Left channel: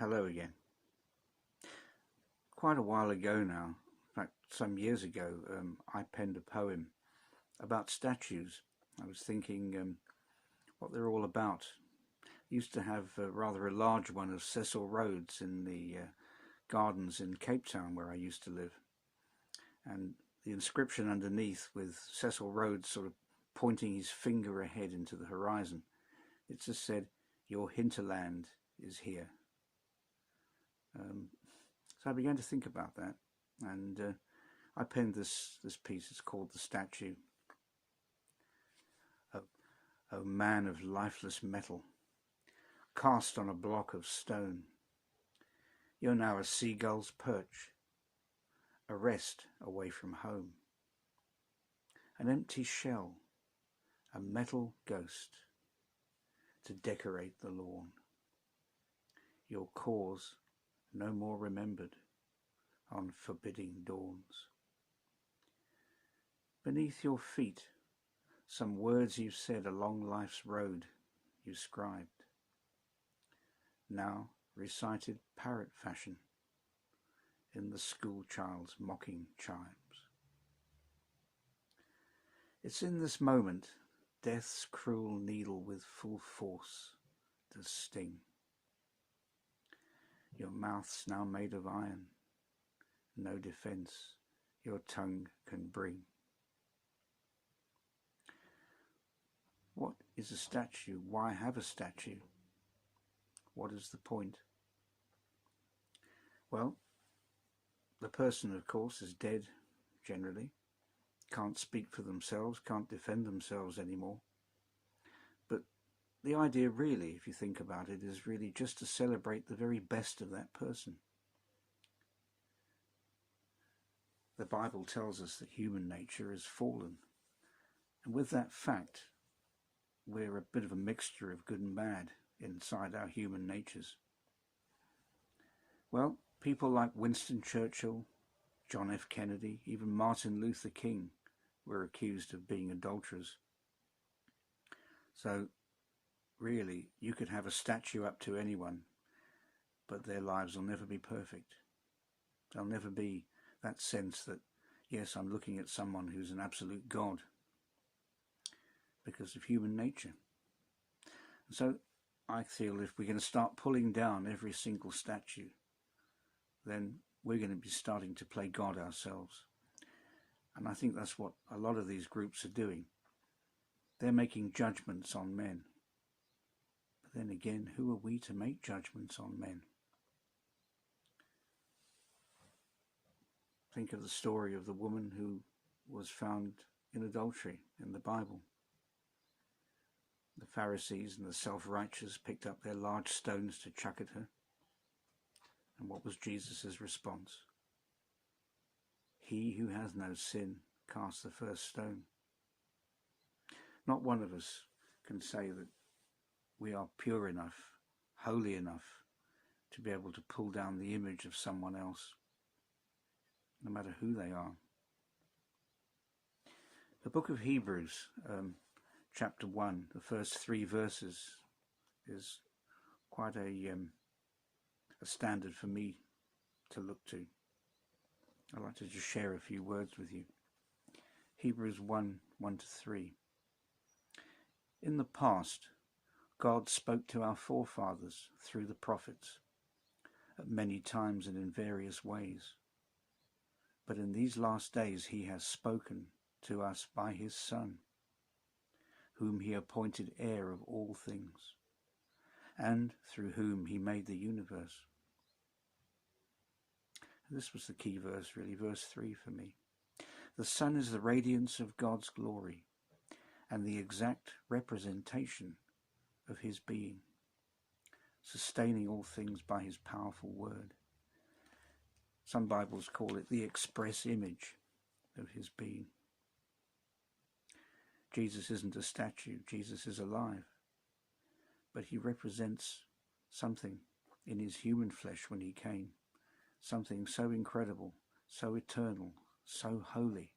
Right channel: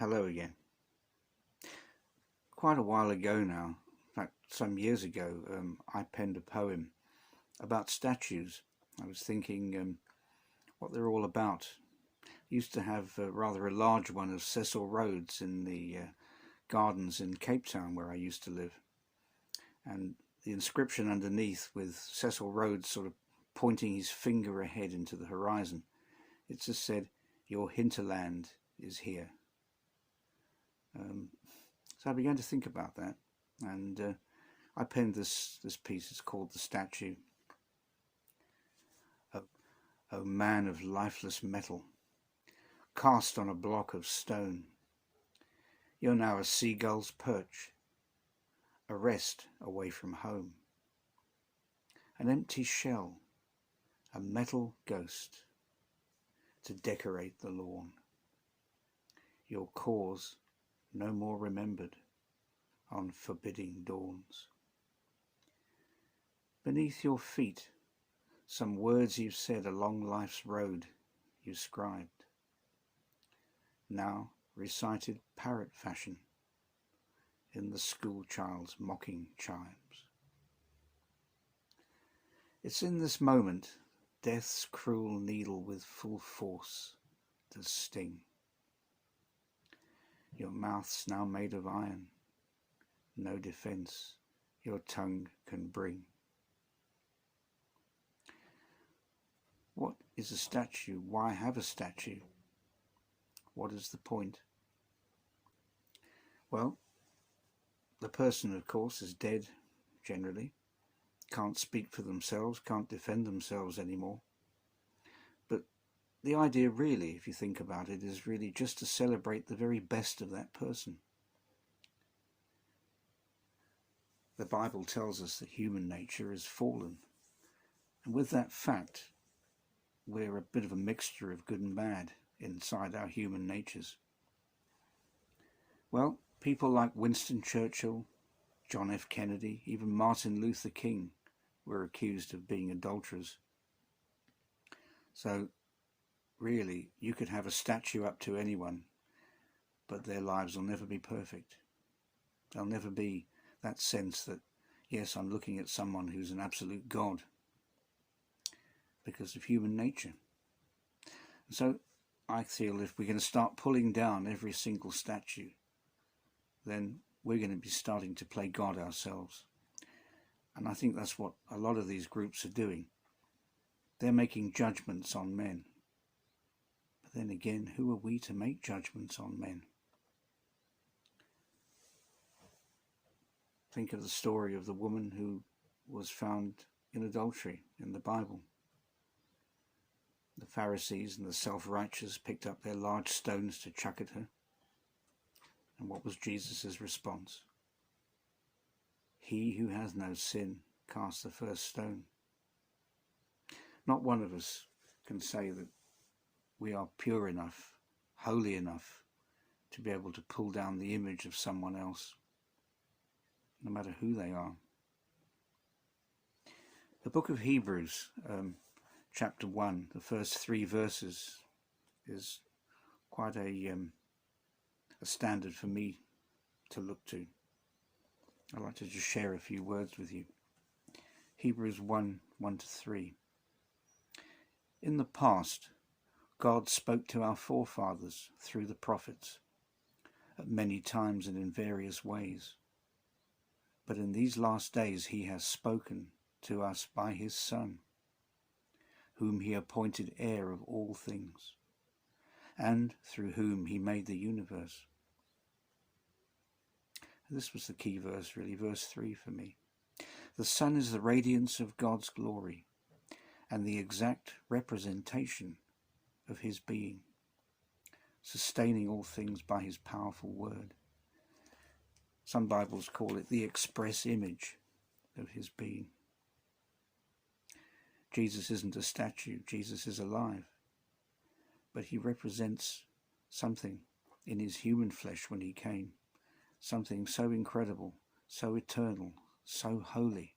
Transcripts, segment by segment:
Hello again. Quite a while ago now, in fact, some years ago, I penned a poem about statues. I was thinking what they're all about. I used to have rather a large one of Cecil Rhodes in the gardens in Cape Town where I used to live. And the inscription underneath, with Cecil Rhodes sort of pointing his finger ahead into the horizon, it just said, "Your hinterland is here." So I began to think about that, and I penned this piece. It's called "The Statue." O man of lifeless metal, cast on a block of stone, you're now a seagull's perch, a rest away from home, an empty shell, a metal ghost to decorate the lawn. Your cause no more remembered on forbidding dawns. Beneath your feet, some words you've said along life's road you scribed, now recited parrot fashion in the schoolchild's mocking chimes. It's in this moment death's cruel needle with full force does sting. Your mouth's now made of iron, no defence your tongue can bring. What is a statue? Why have a statue? What is the point? Well, the person, of course, is dead, generally, can't speak for themselves, can't defend themselves anymore. But the idea really, if you think about it, is really just to celebrate the very best of that person. The Bible tells us that human nature is fallen, and with that fact, we're a bit of a mixture of good and bad inside our human natures. Well, people like Winston Churchill, John F. Kennedy, even Martin Luther King were accused of being adulterers. So, really, you could have a statue up to anyone, but their lives will never be perfect. There'll never be that sense that, yes, I'm looking at someone who's an absolute God, because of human nature. So I feel if we're going to start pulling down every single statue, then we're going to be starting to play God ourselves. And I think that's what a lot of these groups are doing. They're making judgments on men. But then again, who are we to make judgments on men? Think of the story of the woman who was found in adultery in the Bible. The Pharisees and the self-righteous picked up their large stones to chuck at her. And what was Jesus' response? He who has no sin cast the first stone. Not one of us can say that we are pure enough, holy enough to be able to pull down the image of someone else, no matter who they are. The book of Hebrews, chapter 1, the first 3 verses, is quite a standard for me to look to. I'd like to just share a few words with you. Hebrews 1, 1-3. In the past, God spoke to our forefathers through the prophets at many times and in various ways. But in these last days he has spoken to us by his Son, whom he appointed heir of all things, and through whom he made the universe. This was the key verse, really, verse 3 for me. The Son is the radiance of God's glory and the exact representation of his being, sustaining all things by his powerful word. Some Bibles call it the express image of his being. Jesus isn't a statue, Jesus is alive, but he represents something in his human flesh when he came, something so incredible, so eternal, so holy,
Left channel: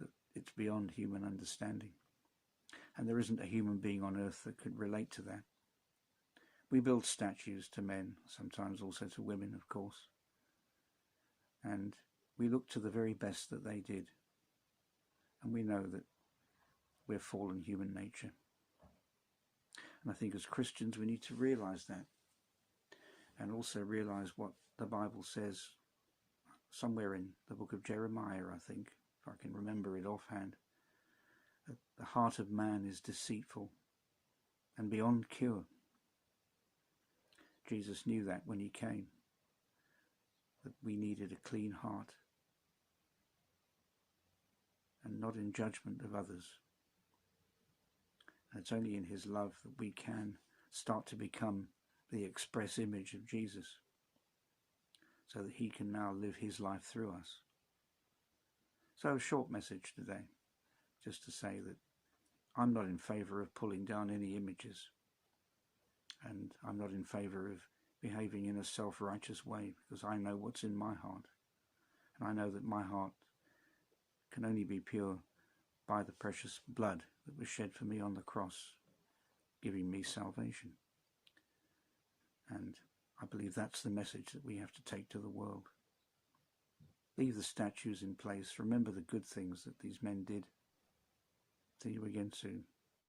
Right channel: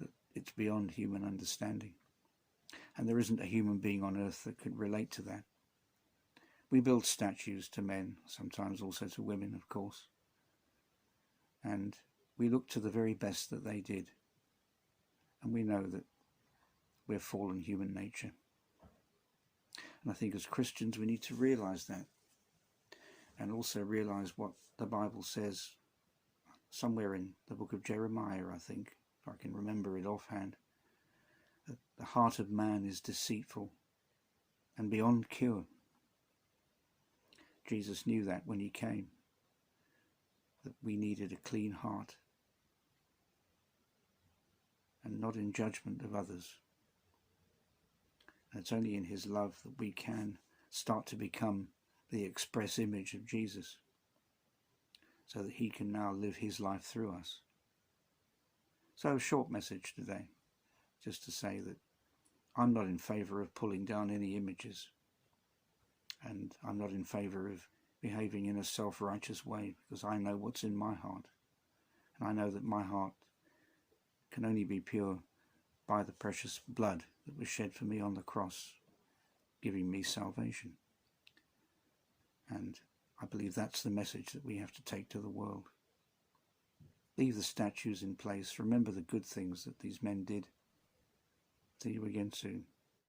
that it's beyond human understanding. And there isn't a human being on earth that can relate to that. We build statues to men, sometimes also to women, of course. And we look to the very best that they did. And we know that we're fallen human nature. And I think as Christians we need to realise that. And also realise what the Bible says somewhere in the book of Jeremiah, I think, if I can remember it offhand. That the heart of man is deceitful and beyond cure. Jesus knew that when he came, that we needed a clean heart and not in judgment of others. And it's only in his love that we can start to become the express image of Jesus, so that he can now live his life through us. So a short message today, just to say that I'm not in favour of pulling down any images, and I'm not in favour of behaving in a self-righteous way, because I know what's in my heart, and I know that my heart can only be pure by the precious blood that was shed for me on the cross, giving me salvation. And I believe that's the message that we have to take to the world. Leave the statues in place. Remember the good things that these men did. See you again soon.